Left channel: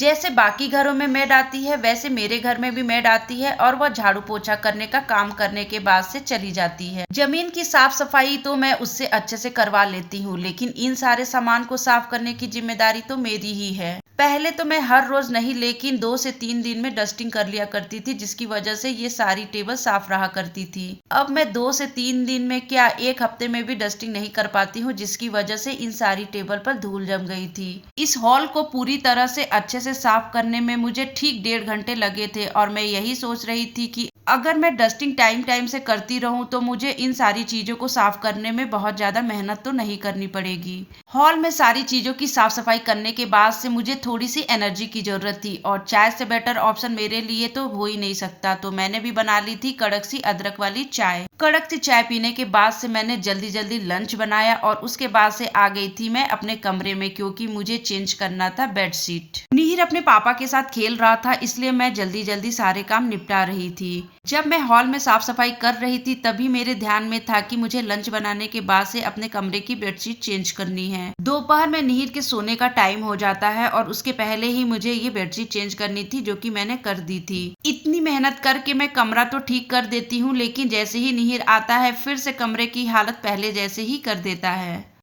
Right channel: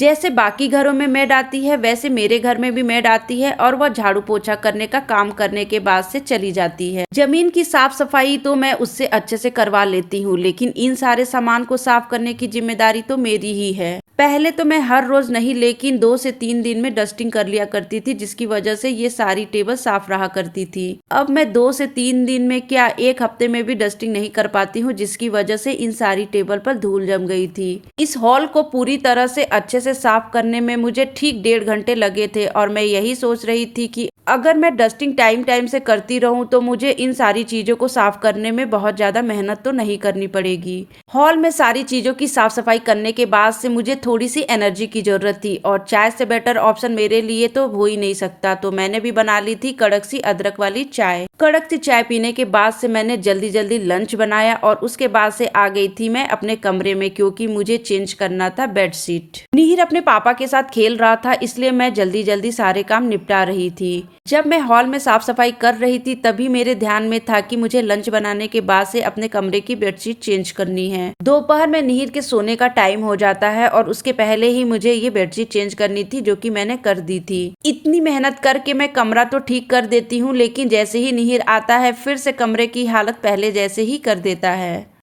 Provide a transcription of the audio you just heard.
जैसे बाकी घरों में मेड आती है वैसे मेरे घर में भी मेड आती है और वह झाड़ू पोछा करने का काम करने के बाद से चली जाती है। जमीन की साफ सफाई तो मैं उससे अच्छे से करवा लेती हूँ, लेकिन इन सारे सामान को साफ करने की जिम्मेदारी तो मेरी ही है। पहले तो मैं हर रोज नहीं लेकिन 2 से 3 दिन में डस्टिंग कर लिया करती थी, जिसकी वजह से ये सारी टेबल साफ रहा करती थी। अब मैं 2 से 3 दिन में क्या 1 हफ्ते में भी डस्टिंग नहीं कर पाती हूँ, जिसकी वजह से इन सारी टेबल पर धूल जम गई थी। इस हॉल को पूरी तरह से अच्छे से साफ करने में मुझे ठीक 1.5 घंटे लगे थे और मैं यही सोच रही थी कि अगर मैं डस्टिंग टाइम टाइम से करती रहूं तो मुझे इन सारी चीजों को साफ करने में बहुत ज्यादा मेहनत तो नहीं करनी पड़ेगी। हॉल में सारी चीजों की साफ सफाई करने के बाद से मुझे थोड़ी सी एनर्जी की जरूरत थी और चाय से बेटर ऑप्शन मेरे लिए तो हो ही नहीं सकता, तो मैंने भी बना ली थी कड़क सी अदरक वाली चाय। कड़क सी चाय पीने के बाद से मैंने जल्दी जल्दी लंच बनाया और उसके बाद से आ गई थी मैं अपने कमरे में, क्योंकि मुझे चेंज करना था बेडशीट। निहिर अपने पापा के साथ खेल रहा था, इसलिए मैं जल्दी जल्दी सारे काम निपटा रही थी। जब मैं हॉल में साफ सफाई कर रही थी तभी मेरे ध्यान में था कि मुझे लंच बनाने के बाद से अपने कमरे की बेडशीट चेंज करनी है। दोपहर में निहिर के सोने का टाइम हो जाता है और उसके पहले ही मुझे ये बेडशीट चेंज करनी थी, जो कि मैंने कर दी थी। इतनी मेहनत करके मैं कमरा तो ठीक कर देती हूँ, लेकिन जैसे ही निहिर आता है फिर से कमरे की हालत पहले जैसे ही कर देता है।